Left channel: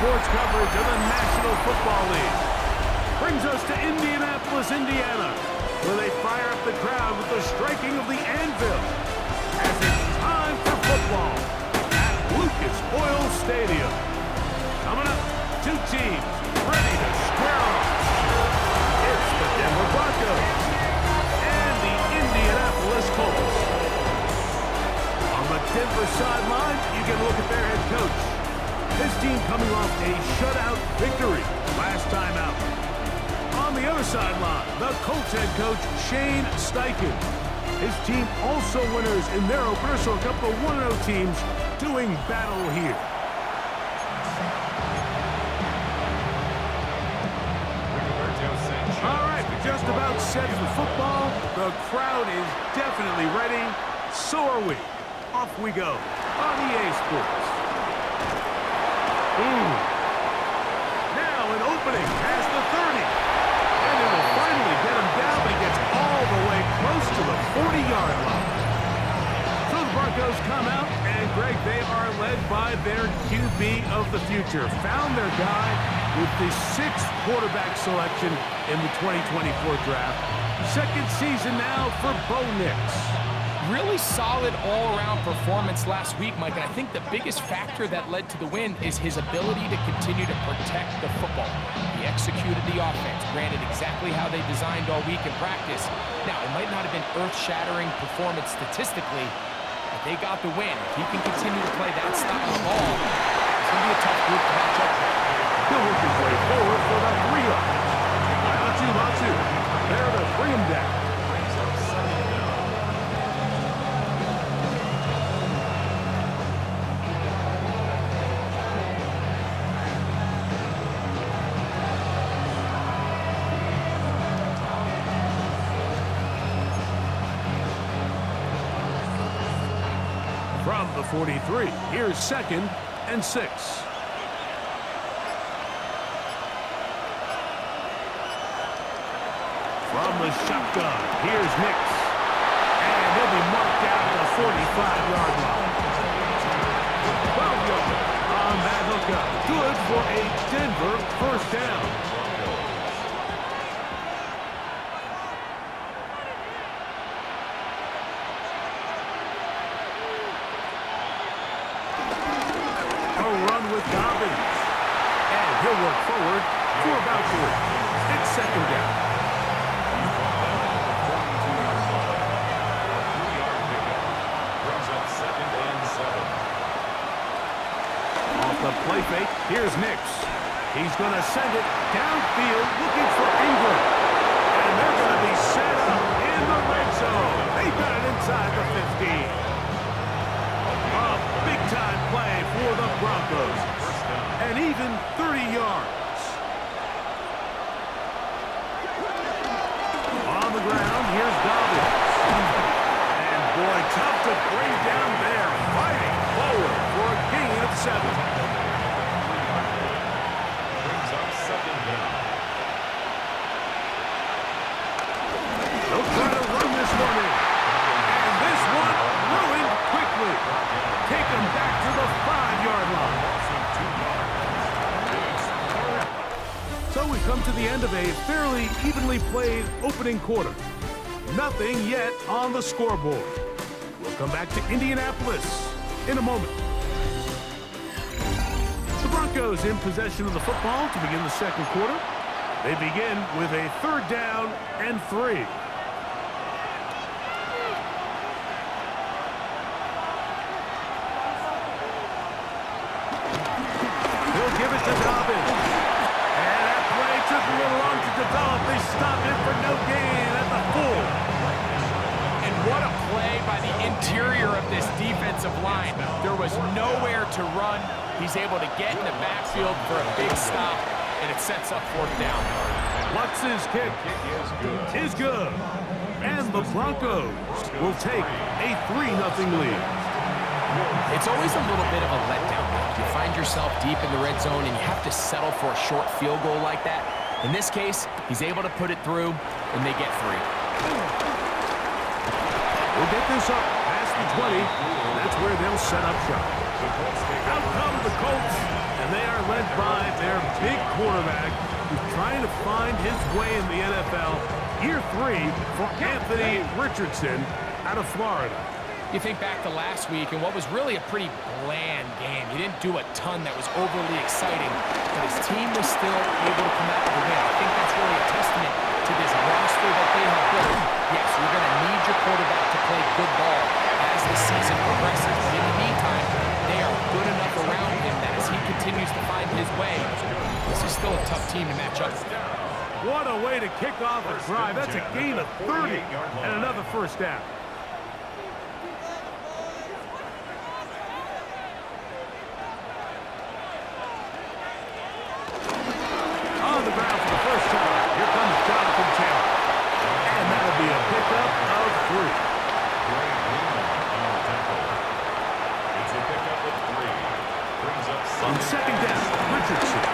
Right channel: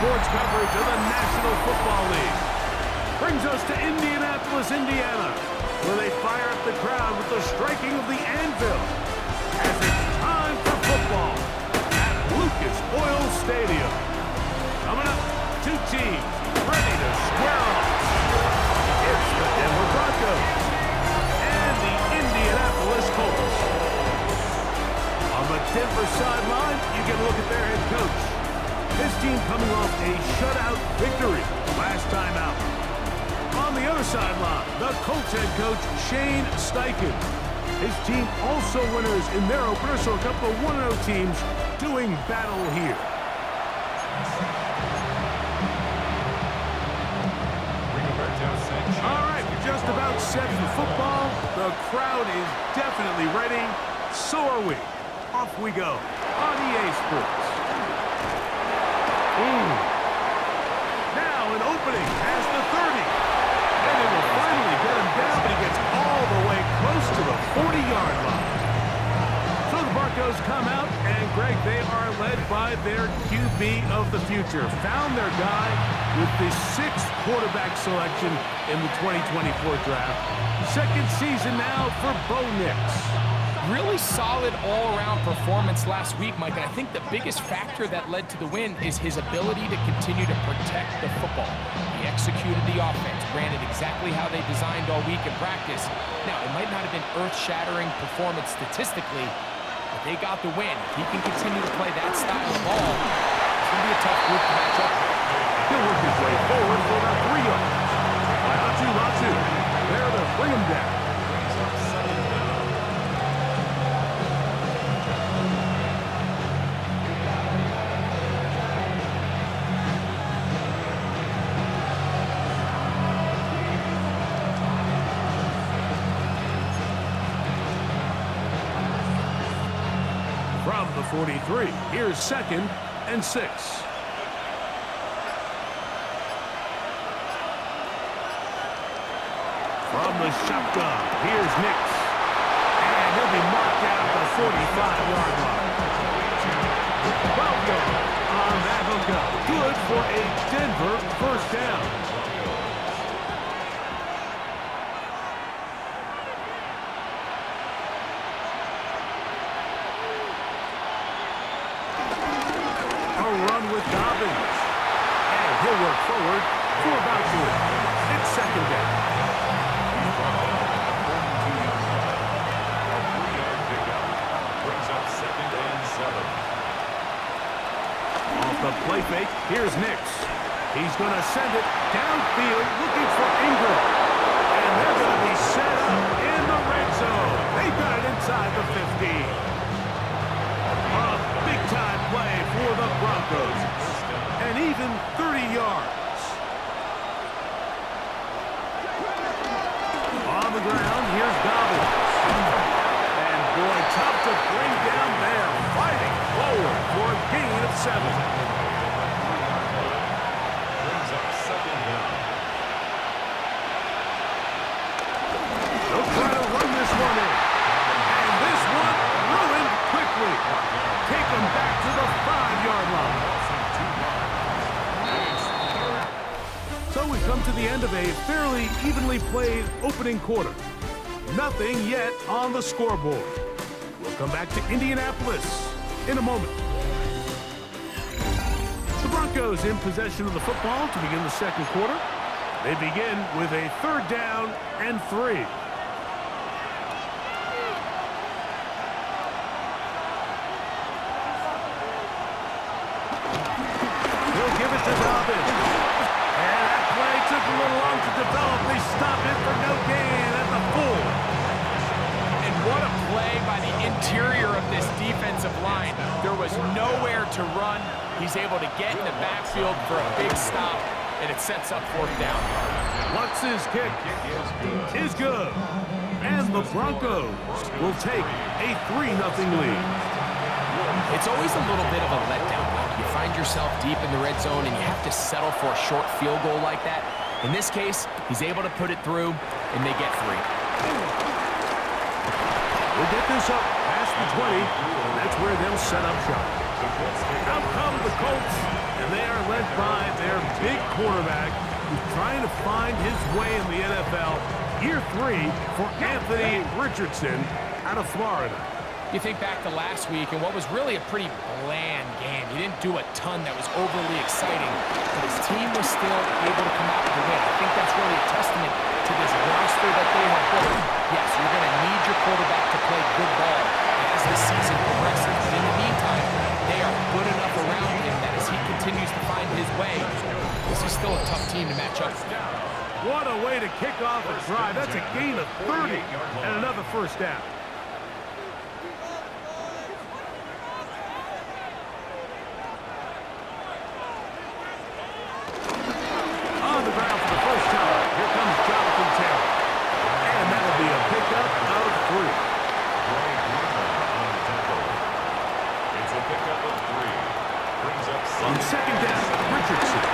sports coverage of the National Football League. Brings us to Indianapolis, Indiana, where they fire up the crowd with the striking of the anvil as it's time for football at Lucas Oil Stadium. Coming up, two teams ready to square off. It's the Denver Broncos and the Indianapolis Colts. On the Denver sideline, you get a look at their head coach. His team coming off a shutout victory last time out. On the other sideline, the Colts head coach, Shane Steichen. His team also winners in their opener, so a couple of 1-0 teams doing battle here. All right, we're just about set for football. The crowd is definitely ready. So are we. Off we go on EA Sports. Now an opening has the 30. And it will finally get him down, but he gets all the way close to the 40-yard line. So the Broncos come out, and Greg, they are led by their QB of the future. Found their guy with the 6th quarterback selection in the 2024 draft. Second season now for Bo Nix. Really solid all-around performance last week, Mike, and I think the biggest factor that led to the win is his ability to continue to protect the football. He executed the offense, ran it exactly how they designed all week in practice. Now, it might not have been earth-shattering performance statistically, but they got the win. If he can continue to play that style of ball, it's going to be a tough group to match up with. He'll work his way forward for about 3 yards. Latu, there to bring him down. From the 43, here's 2nd and 6. From the shotgun, here's Nix. And he'll be marked down at the 45-yard line. 12 yards on that hookup. Good for a Denver first down. Dobbins. And he'll work forward for about 3. It's 2nd down. He's brought down at the 42-yard line. A 3-yard pickup brings up 2nd and 7. Off the play fake, here's Nix. He's going to send it downfield looking for Ingram. And they're going to be set up in the red zone. They got it inside the 15. A big-time play for the Broncos. And even 30 yards. On the ground, here's Dobbins. And boy, tough to bring down there. Fighting forward for a gain of 7. Brings up 2nd down. They'll try to run this one in. And this one ruined quickly. Take them back to the 5-yard line. So we come to the end of a fairly evenly played opening quarter. Nothing yet on the scoreboard. We'll come back to Indianapolis in a moment. The Broncos in possession of the football to begin the second quarter. They begin with a 3rd down and 3. He'll give it to Dobbins. And that play took a little long to develop. They stopped it for no gain at the 4. And what a play by the interior of this defensive line. There was nowhere to run. He's able to get in the backfield for a big stop, and it sets up 4th down. Lutz's kick is good. And the Broncos will take a 3-0 lead. It's always a little bit of a letdown, Mike. You find yourself deep in the red zone, and you have to settle for a short field goal like that. In this case, he's able to put it through, and they get 3. We'll get this up past the 20, and that's where they'll set up shop. Out come the Colts, and they are led by their big quarterback who's trying to find his way in the NFL. Year 3 for Anthony Richardson out of Florida. You think back to last week and what was really a pretty bland game. He didn't do a ton that was overly exciting, but his team was still able to come out with a win. I think that's really a testament to this roster that they have built. Yes, you're going to need your quarterback to play good ball as the season progresses, but in the meantime, they are good enough around him that as he continues to find his way, this is still a tough team to match up with. What a way to kick off a drive. That's a gain of 30 and another first down. On the ground for the first time, here comes Jonathan Taylor. And that'll be a pickup of 3. On the tackle. It's a pickup of 3. Brings up On second down, Richardson.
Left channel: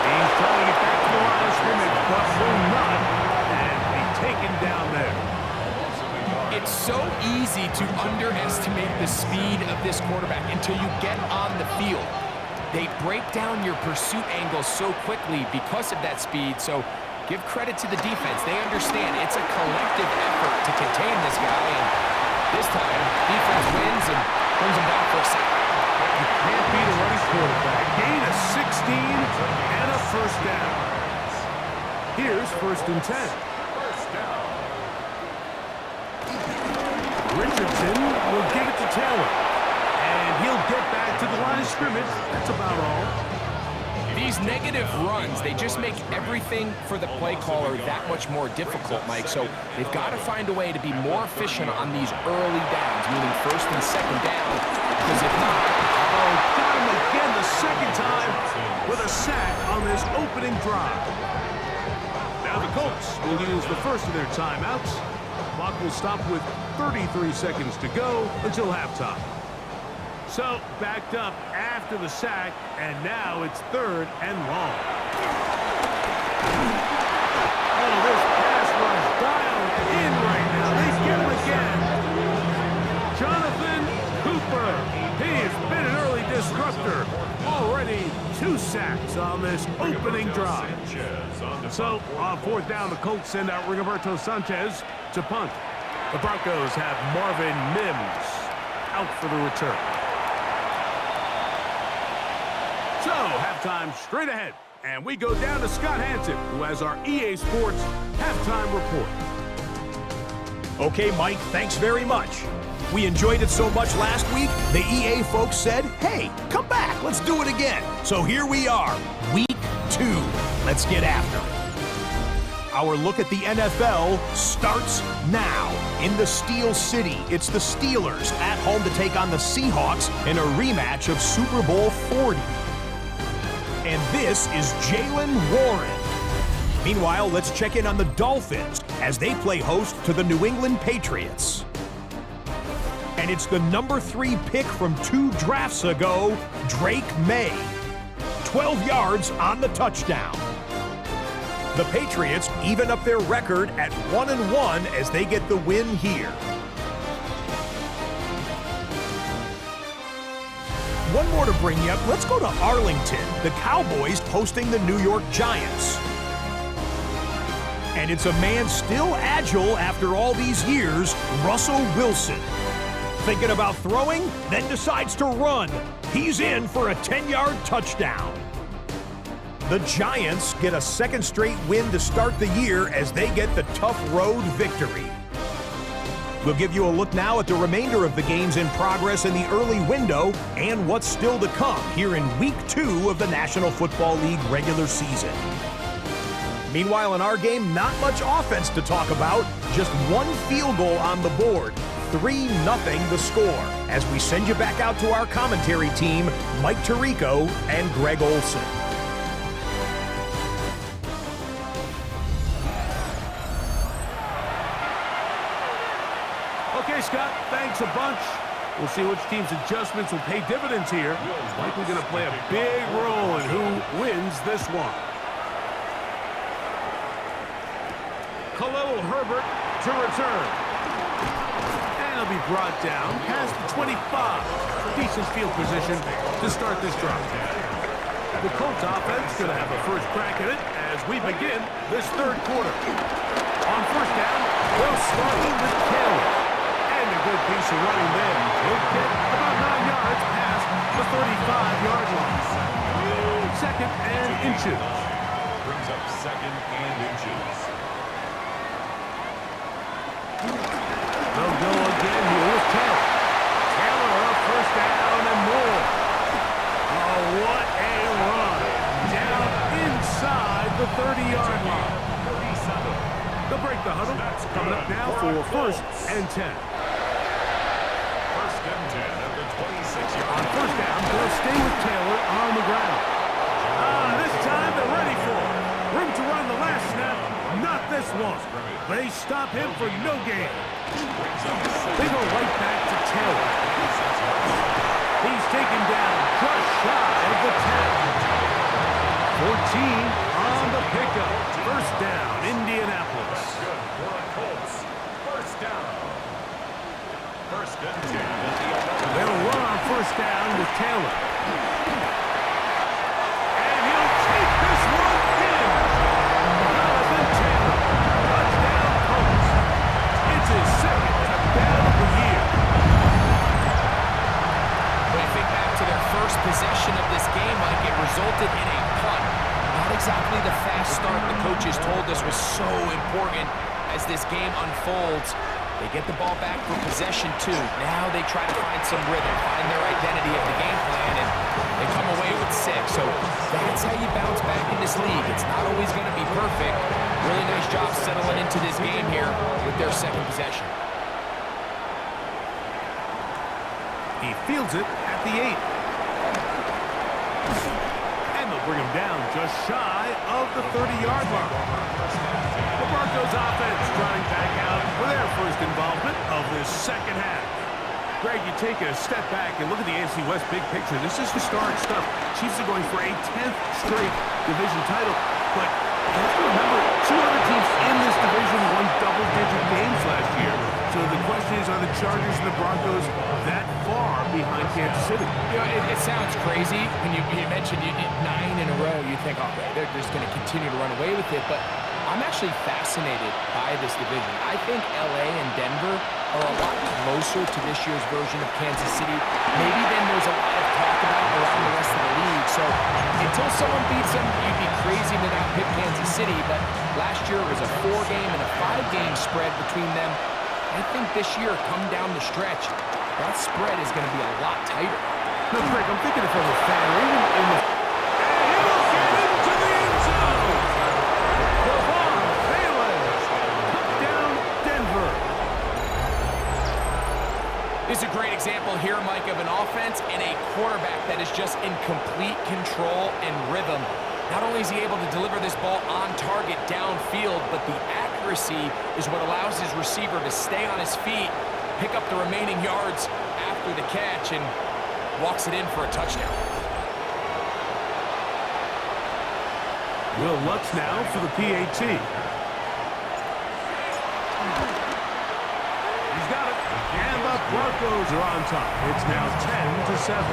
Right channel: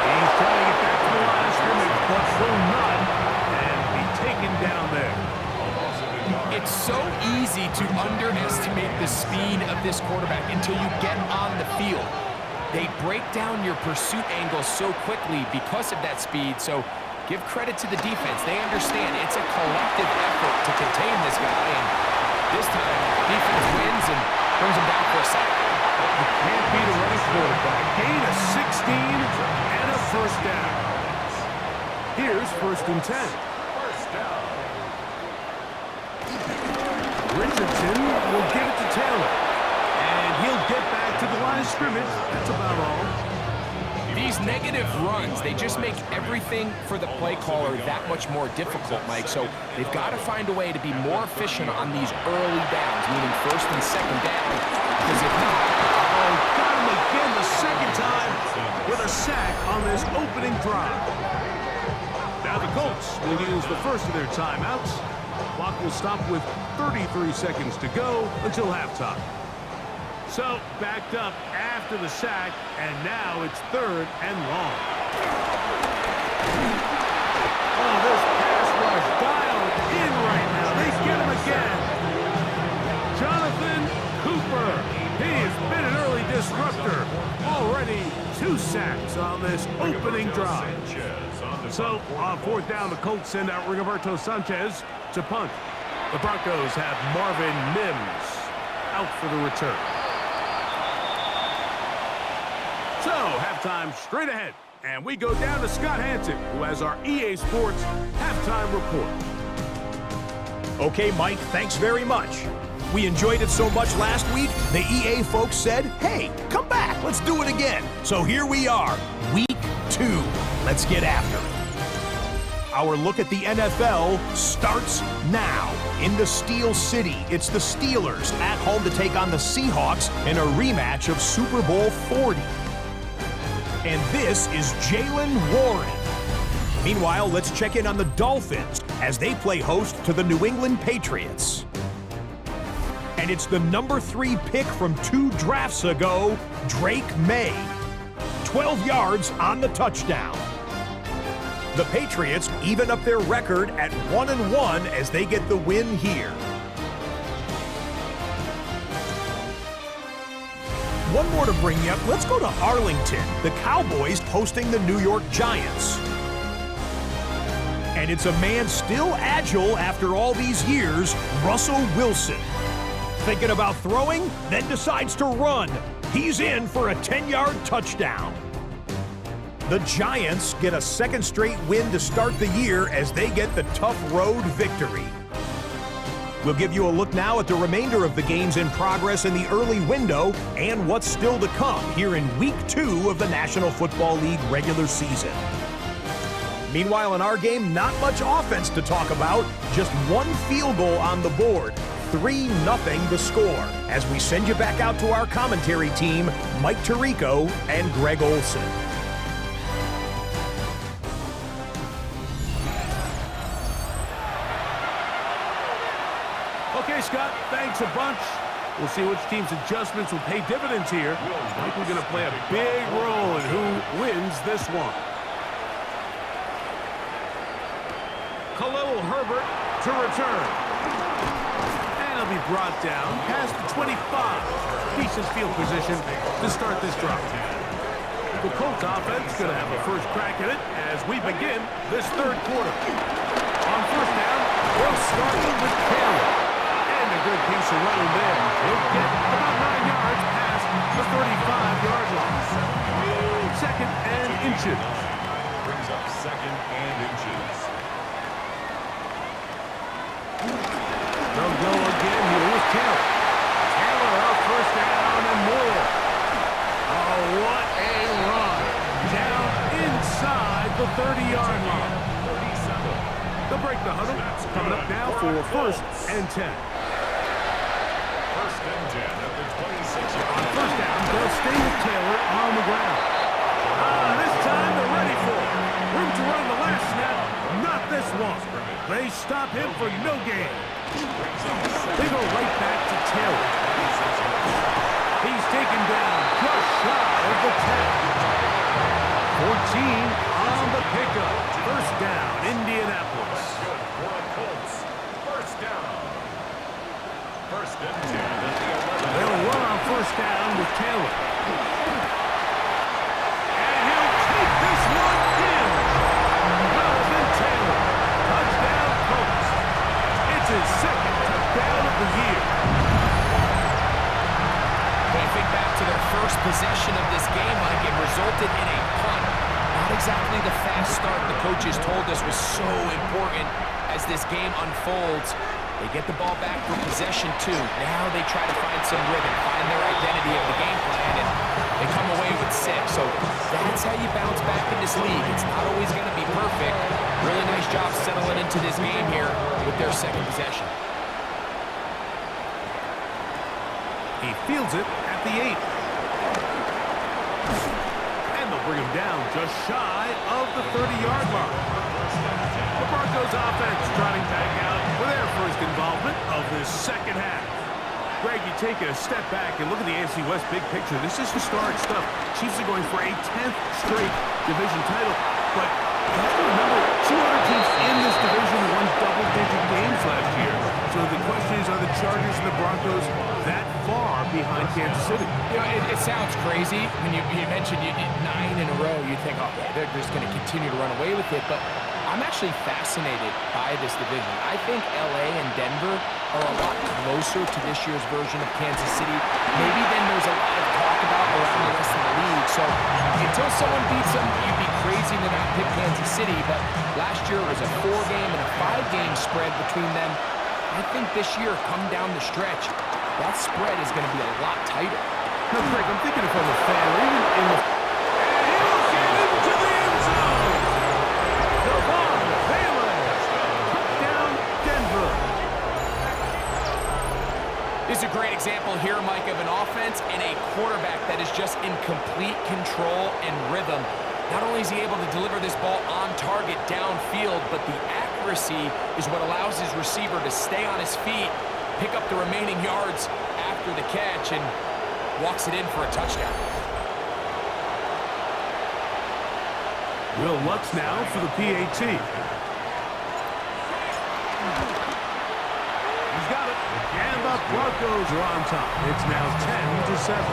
He's trying to get back to the line of scrimmage, but will not, and be taken down there. It's so easy to underestimate the speed of this quarterback until you get on the field. They break down your pursuit angles so quickly because of that speed, so give credit to the defense. They understand it's a collective effort to contain this guy, and this time, defense wins and brings him down for a sack. You can't beat a running quarterback. Gain of 16 and a first down. Here's 1st and 10. First down. Richardson will give it to Taylor. And he'll get back to the line of scrimmage. That's about all. These negative runs, they just make everything for the play caller that much more difficult, Mike. So they've got to find a way to be more efficient on these early downs, meaning 1st and 2nd down, because if not... Oh, got him again the second time with a sack on this opening drive. Now the Colts will use the first of their timeouts. Clock will stop with 33 seconds to go until halftime. So, backed up after the sack, and now it's 3rd and long. Oh, this pass rush dialed in right now. They get him again. Jonathan Cooper. He has been an early disruptor. Already 2 sacks on this opening drive. So, on 4th down, the Colts send out Rigoberto Sanchez to punt. The Broncos have Marvin Mims out for the return. So, halftime straight ahead, and we go down to Scott Hansen, who has our EA Sports halftime report. Okay, Mike, thanks very much. We enjoyed it so much last week, the EA folks said, hey, come back, let's do it again. So here we are, week 2. Let's get after it. Our look at the NFL starts now. In the Steel City, it's the Steelers at home to take on the Seahawks in a rematch of Super Bowl 40. And this is Jaylen Warren. Meanwhile, let's check in on the Dolphins as they play host to the New England Patriots. And it's the number 3 pick from 2 drafts ago, Drake May. 12 yards on the touchdown. The Patriots even up their record at 1-1 as they get the win here. One more to bring you up. Let's go to Arlington. The Cowboys hosting the New York Giants. And it's a man still agile after all these years, Russell Wilson. Thinking about throwing, then decides to run. He's in for a 10-yard touchdown. The Giants get a 2nd straight win to start the year as they get the tough road victory. We'll give you a look now at the remainder of the games in progress in the early window and what's still to come here in Week 2 of the National Football League regular season. Meanwhile, in our game, not much offense to talk about, just 1 field goal on the board. 3-0 the score, as we send you back out to our commentary team, Mike Tirico and Greg Olson. Okay, Scott, thanks a bunch. We'll see which team's adjustments will pay dividends here. Likely going to play a big role in who wins this one. Khalil Herbert to return. And And he'll be brought down past the 25. Decent field position to start this drive. The Colts offense going to have a first crack at it as we begin this third quarter. On first down, they'll start with Taylor. And a good piece of running there. He'll get about 9 yards past the 35-yard line. Second and inches. Brings up second and inches. They'll go again here with Taylor. Taylor, first down and more. Oh, what a run. Down inside the 30-yard line. They'll break the huddle. Coming up now for first and 10. First and 10 at the 26-yard On line. first down, they'll stay with Taylor on the ground. This time they're ready for it. Room to run the last snap. Not this one. They stop him for no gain. They go right back to Taylor. He's taken down just shy of the 10. 14 on the pickup. First down, Indianapolis. Good for the Colts. First down. First and 10 at the 11. They'll run on first down with Taylor. And he'll take this one in. Jonathan Taylor. Touchdown, Colts. It's his second touchdown of the year. When you think back to their first possession of this game, Mike, it resulted in a punt. Not exactly the fast start the coaches told us was so important as this game unfolds. They get the ball back for possession two. Now they try to find some rhythm, find their identity of the game plan, and they come away with 6. So that's how you bounce back in this league. It's not always going to be perfect. Really nice job settling into this game here with their second possession. He fields it at the 8. And they'll bring him down just shy of the 30-yard line. The Broncos offense trotting back out for their first involvement of this second half. Greg, you take a step back and look at the AFC West big picture. This is historic stuff. Chiefs are going for a 10th straight division title. But you have to remember, 2 other teams in this division won double-digit games last year. So the question is, are the Chargers and the Broncos that far behind Kansas City? You know, it sounds crazy when you mentioned 9 in a row. You think, oh, they're just going to continue to run away with it. But I'm actually fascinated by this division. I think LA and Denver are a lot closer to this year's version of Kansas City, maybe than there's a lot of talk about around the rest of the league. So until someone beats them, you'd be crazy to not pick Kansas City. But last year it was a 4-game and a 5-game spread between them. I think this year, come down the stretch, that spread is going to be a lot tighter. No, Greg, I'm thinking if I'm a fan or even in the... And he'll get into the end zone! Devon Bailey! Touchdown, Denver! This is a great example here, Mike, of an offense and a quarterback that is just in complete control and rhythm. Not only is he able to deliver this ball on target downfield, but the accuracy is what allows his receiver to stay on his feet, pick up the remaining yards after the catch, and walks it in for a touchdown. Will Lutz now for the PAT. He's got it. And the Broncos are on top. It's now 10-7.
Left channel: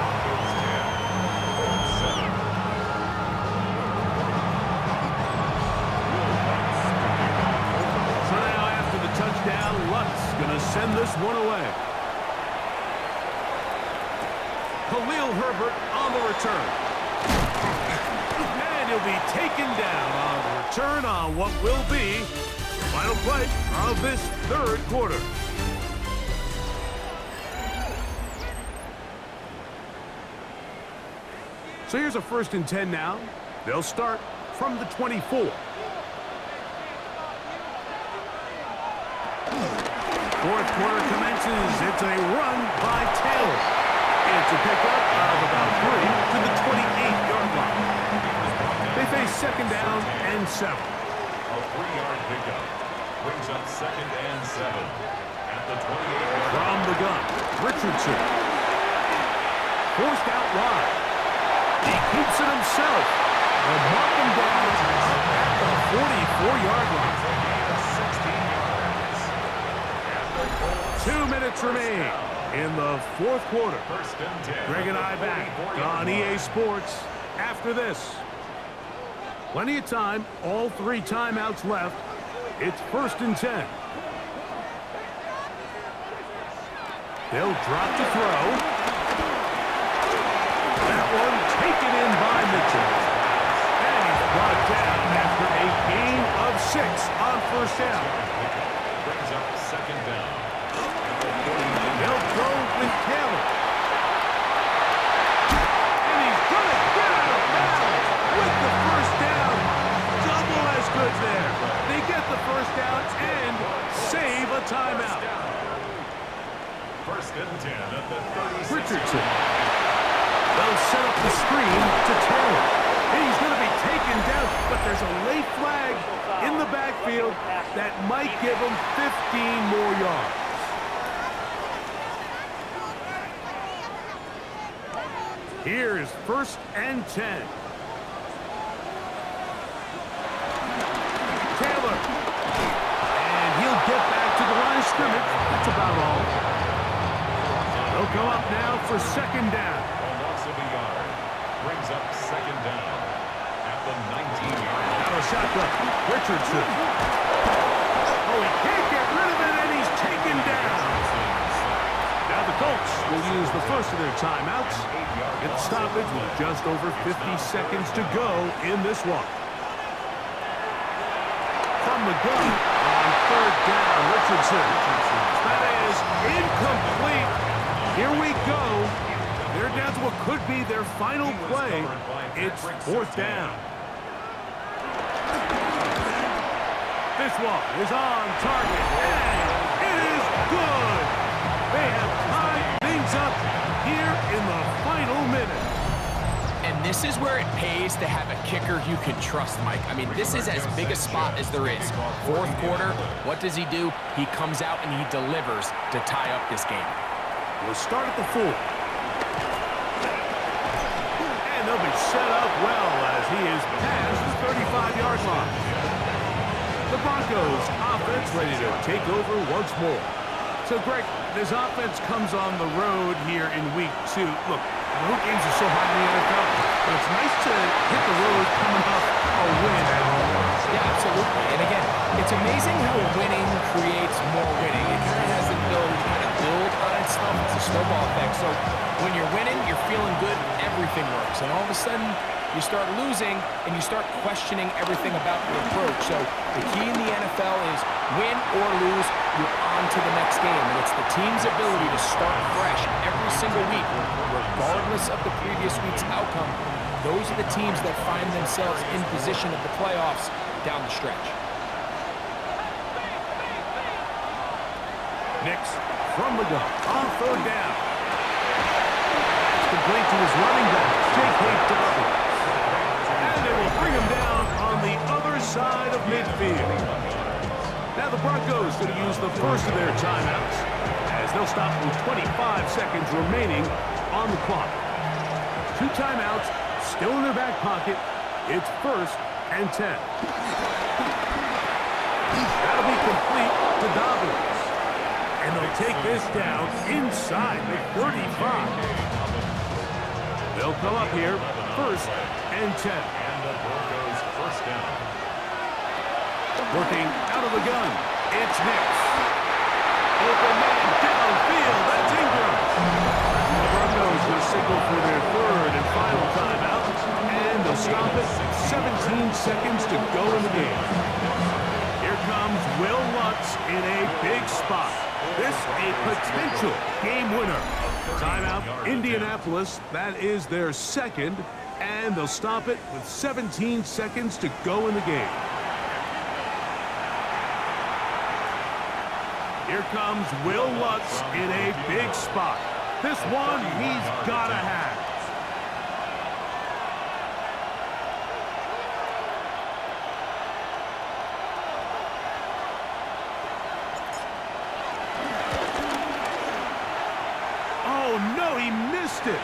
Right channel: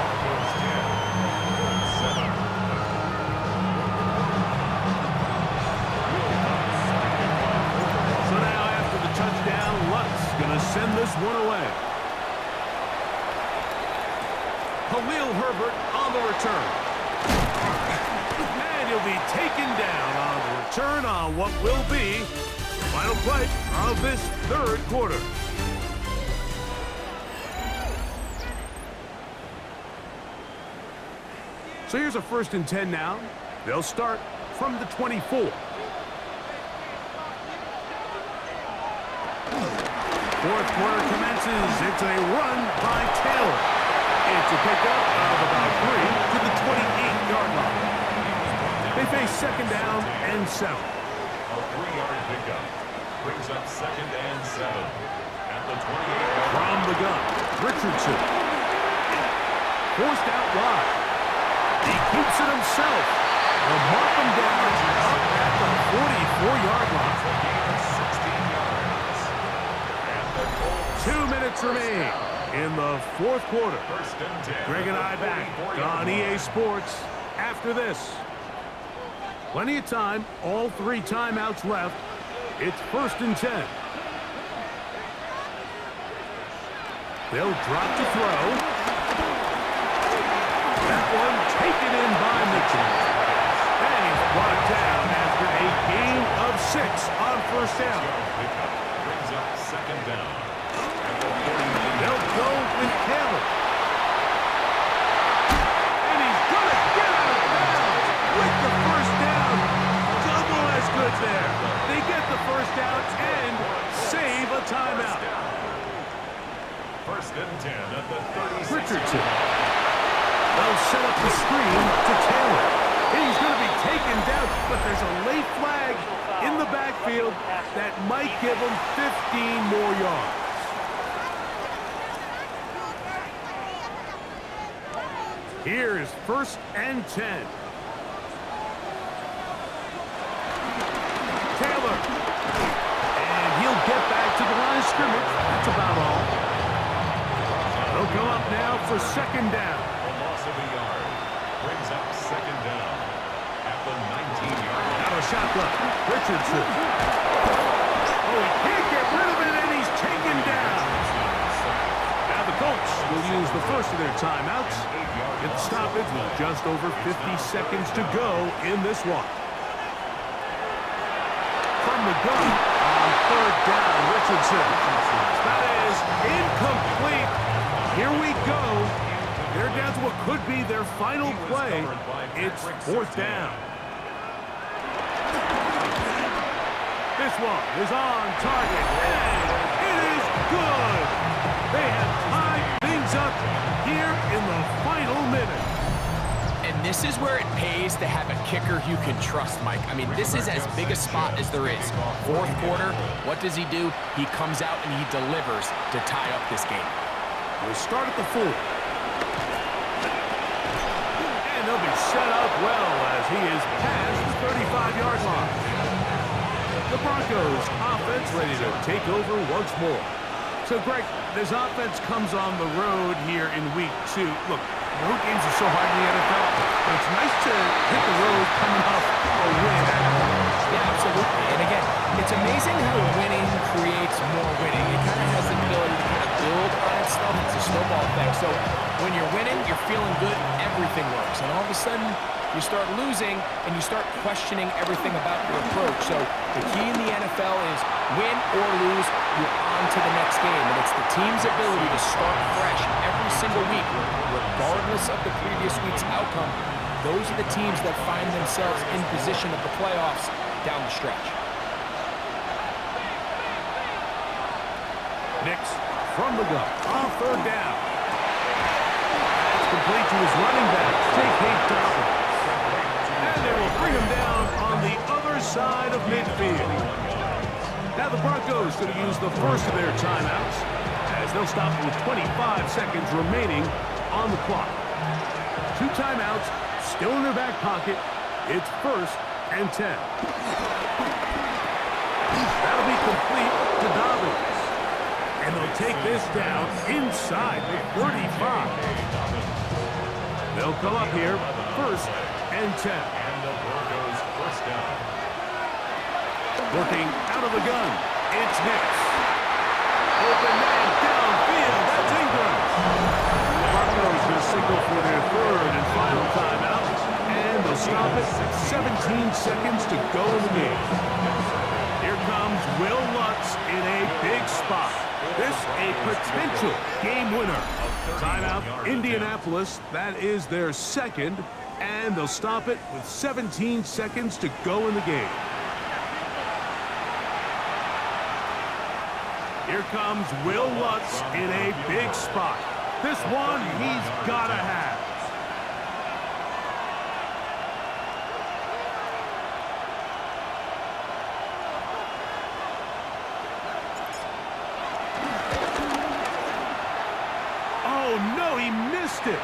So now after the touchdown, Lutz going to send this one away. Khalil Herbert on the return. And he'll be taken down on the return on what will be the final play of this third quarter. So here's a 1st and 10 now. They'll start from the 24. Fourth quarter commences. It's a run by Taylor. It's a pickup of about 3 to the 28-yard line. They face second down and 7. A 3-yard pickup brings up second and 7 at the 28-yard line. From the gun, Richardson. Forced out wide. He keeps it himself. They'll mark him down up at the 44-yard line. 16 yards. And the Colts 2 minutes remain in the fourth quarter. First and 10. Greg and I back on EA Sports after this. Plenty of time, all 3 timeouts left. It's first and 10. They'll drop to throw. That one taken in by Mitchell. And he's brought down after a gain of 6 on first down. Brings up second down. They'll go with Taylor. And he's going to get out of bounds with the first down. Double as good there. They get the first down and save a timeout. First and 10 at the 36. Richardson. They'll set up the screen to Taylor. And he's going to be taken down, but there's a late flag in the backfield that might give him 15 more yards. Here is first and 10. Taylor. And he'll get back to the line of scrimmage. That's about all. They'll come up now for second down. A loss of a yard. Brings up second down at the 19-yard line. Out of shotgun. Richardson. Oh, he can't get rid of it, and he's taken down. Now the Colts will use the first of their timeouts. Get the stoppage with just over 50 seconds to go in this one. From the gun on third down, Richardson. That is incomplete. Here we go. They're down to what could be their final play. It's fourth down. This one is on target, and it is good. They have tied things up here in the final minute. And this is where it pays to have a kicker you can trust, Mike. I mean, this is as big a spot as there is. Fourth quarter, what does he do? He comes out and he delivers to tie up this game. We'll start at the 4. And they'll be set up well as he is past the 35-yard line. The Broncos offense ready to take over once more. So, Greg, this offense comes on the road here in week 2. Look, road games are so hard in the NFL, but it's nice to hit the road coming off a win at home. Yeah, absolutely. And again, it's amazing how winning creates more winning. It kind of has the ability to kind of build on itself. It's a snowball effect. So when you're winning, you're feeling good, everything works. And all of a sudden, you start losing, and you start questioning everything about your approach. So the key in the NFL is win or lose, you're on to the next game. And it's the team's ability to start fresh every single week, regardless of the previous week's outcome. Those are the teams that find themselves in position of the playoffs down the stretch. Nix from the gun on third down. That's complete to his running back, J.K. Dobbins. And they will bring him down on the other side of midfield. Now the Broncos going to use the first of their timeouts as they'll stop with 25 seconds remaining on the clock. 2 timeouts still in their back pocket. It's first and 10. That'll be complete to Dobbins. And they'll take this down inside the 35. They'll come up here first and 10. And the Broncos first down. Working out of the gun, it's Nix. Open man downfield, that's Ingram. The Broncos going to signal for their third and final timeout, and they'll stop it 17 seconds to go in the game. Here comes Will Lutz in a big spot. This a potential game winner. Timeout, Indianapolis. That is their second, and they'll stop it with 17 seconds to go in the game. Here comes Will Lutz in a big spot. This one he's got to have. Oh, no, he missed it.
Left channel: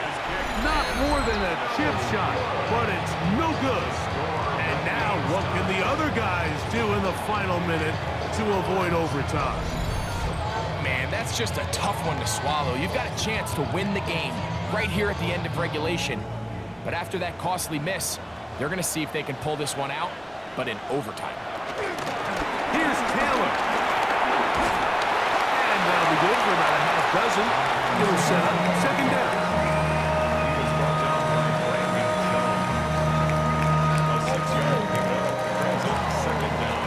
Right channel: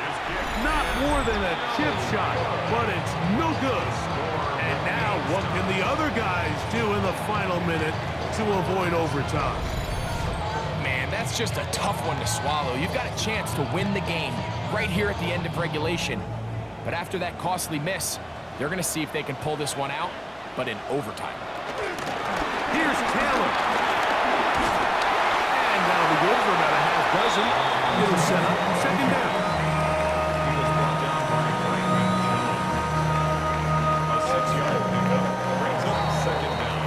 Not more than a chip shot, but it's no good. And now what can the other guys do in the final minute to avoid overtime? Man, that's just a tough one to swallow. You've got a chance to win the game right here at the end of regulation. But after that costly miss, they're going to see if they can pull this one out, but in overtime. Here's Taylor. And that'll be good for about a half dozen. It'll set up second down. He was brought down by Brandon Jones. A 6-yard pickup brings up second down.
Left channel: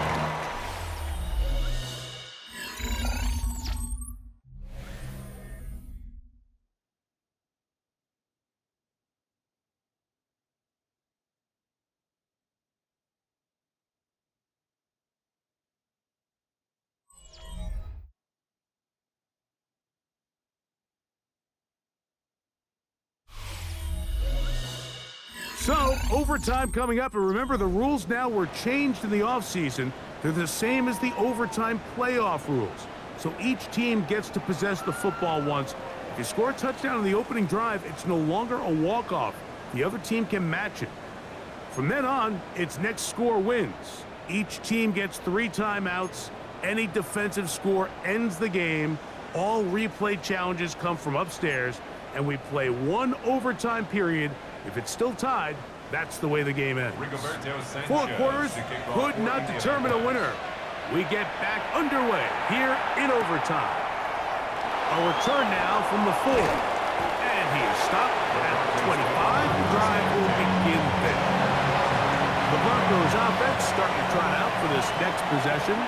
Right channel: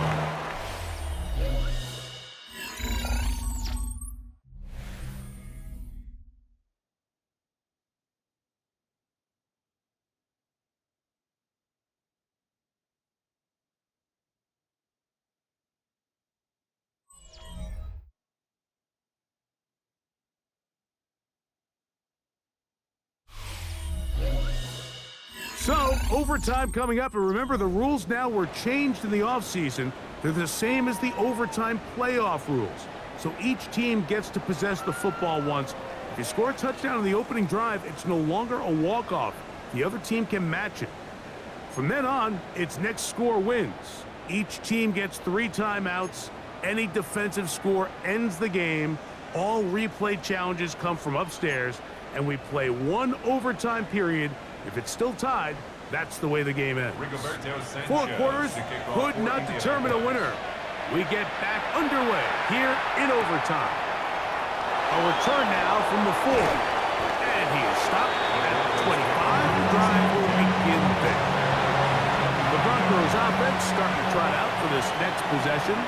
So, overtime coming up, and remember the rules now were changed in the offseason. They're the same as the overtime playoff rules. So each team gets to possess the football once. If you score a touchdown on the opening drive, it's no longer a walk-off. The other team can match it. From then on, it's next score wins. Each team gets 3 timeouts. Any defensive score ends the game. All replay challenges come from upstairs, and we play 1 overtime period. If it's still tied, that's the way the game ends. 4 quarters could not determine a winner. We get back underway here in overtime. A return now from the 4. And he is stopped at 25. The drive will begin there. The Broncos offense starting to trot out for this next possession.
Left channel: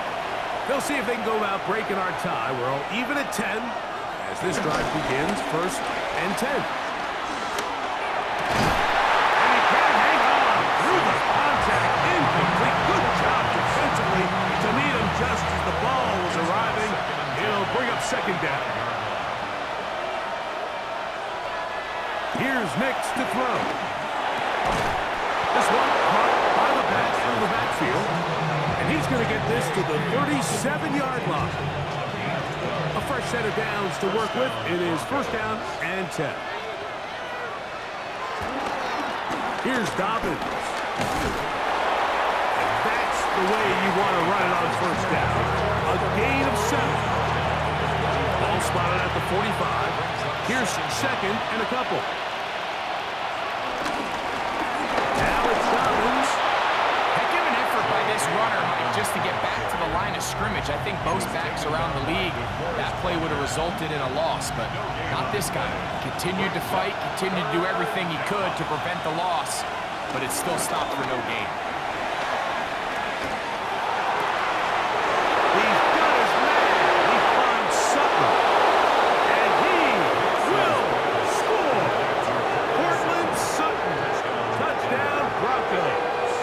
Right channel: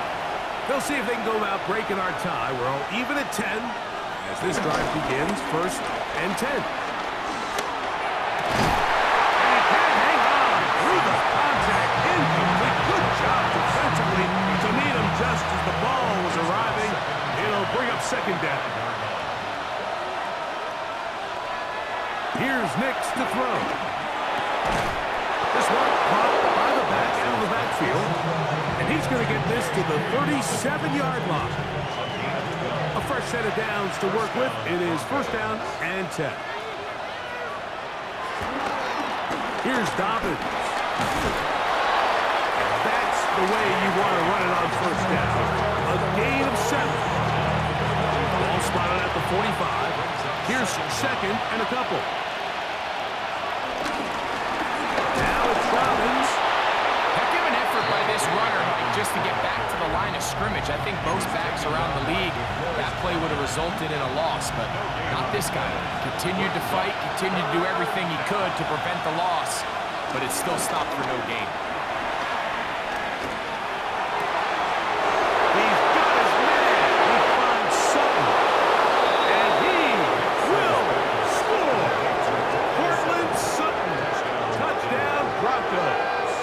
They'll see if they can go about breaking our tie. We're all even at 10 as this drive begins, 1st and 10. Incomplete. Good job defensively to meet him just as the ball was arriving. It'll bring up second down. Here's Nix to throw. This one caught by the back out of the backfield. And he's going to get this to the 37-yard line. A fresh set of downs to work with. It is 1st down and 10. Here's Dobbins. That's the way you want to run it on 1st down. A gain of 7. Ball spotted at the 45. Here's 2nd and a couple. Now it's Dobbins. Heck of an effort by this runner, Mike, just to get back to the line of scrimmage. I think most backs around the league, that play would have resulted in a loss, but not this guy. Continued to fight, continued to do everything he could to prevent the loss, but it still stopped for no gain. He's got his man. He finds Sutton. And he will score. Cortland Sutton. Touchdown, Broncos.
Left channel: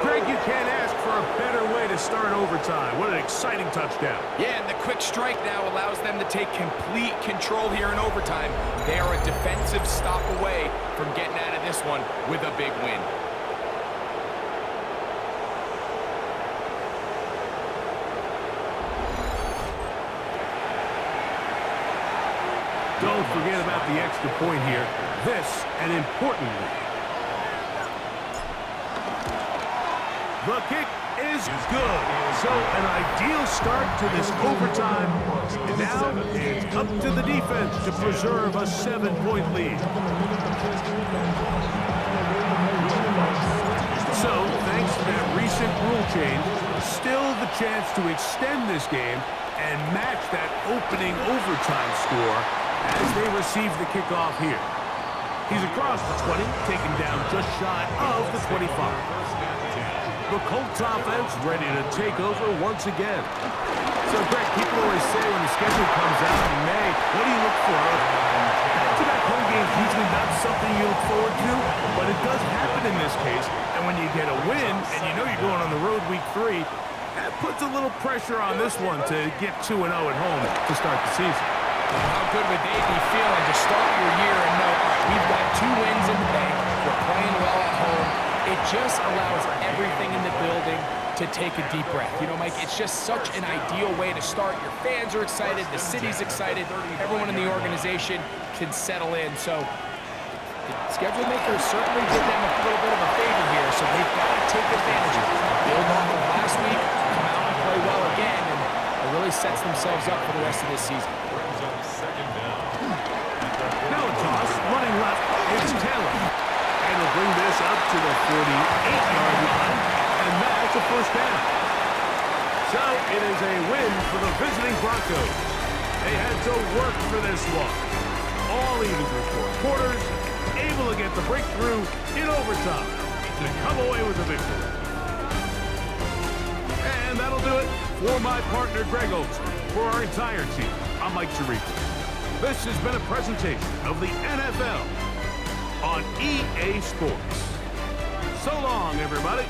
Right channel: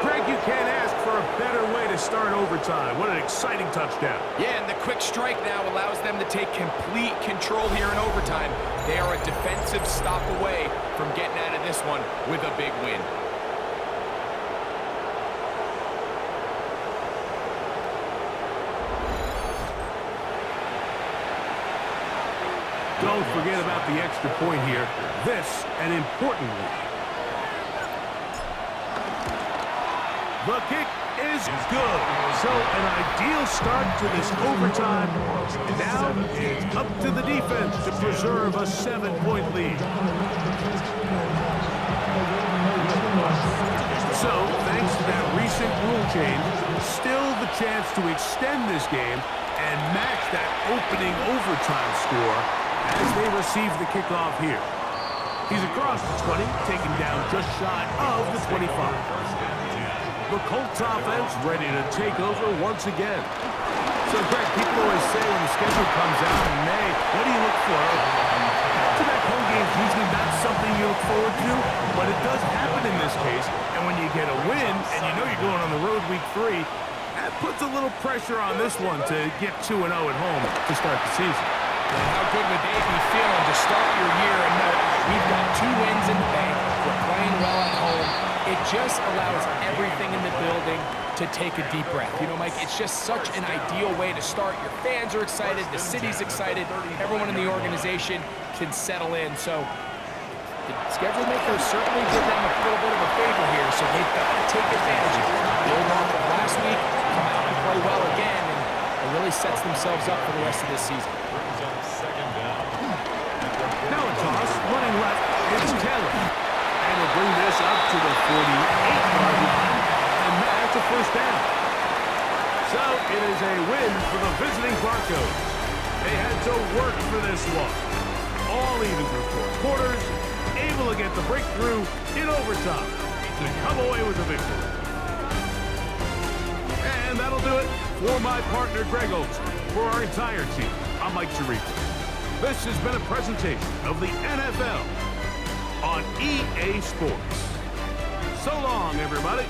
Greg, you can't ask for a better way to start overtime. What an exciting touchdown. Yeah, and the quick strike now allows them to take complete control here in overtime. They are a defensive stop away from getting out of this one with a big win. Don't forget about the extra point here. This, an important one. The kick is good. So an ideal start to this overtime. And now it's up to the defense to preserve a 7-point lead. So, thanks to that recent rule change, still the chance to extend this game and match that opening overtime score as they receive the kickoff here. He's across the 20, taken down just shy of the 25. The Colts offense ready to take over once again. So, Greg, people always say when the schedule comes out in May, what do you look for? Back-to-back home games usually not something you look forward to, but it does happen in this case. And when you get a win and you know you're going on the road week 3, that puts a little pressure on this one to get 2-0 at home to start the season. And how good would they be feeling to start your year and know, all right, we've got 2 wins in the bank, we're playing well at home. It just allows everything in the building to take a deep breath. You know, Mike, it's just such an ideal way to start. Your fans are excited, the city's excited, everyone in the organization can settle in. So the schedule makers certainly did them a little bit of a favor here, so they've got to take advantage of it. Build off of last week, come out and play well again, and a really sets themselves up for the rest of this season. Brings up second down. Now a toss, running left, it's Taylor. And he'll bring this up to the 48-yard line, and that's a first down. So it is a win for the visiting Broncos. They had to work for this one. All even through 4 quarters, able to get the breakthrough in overtime to come away with the victory. And that'll do it for my partner, Greg Olson. For our entire team, I'm Mike Tirico. This has been a presentation of the NFL on EA Sports. So long, everybody.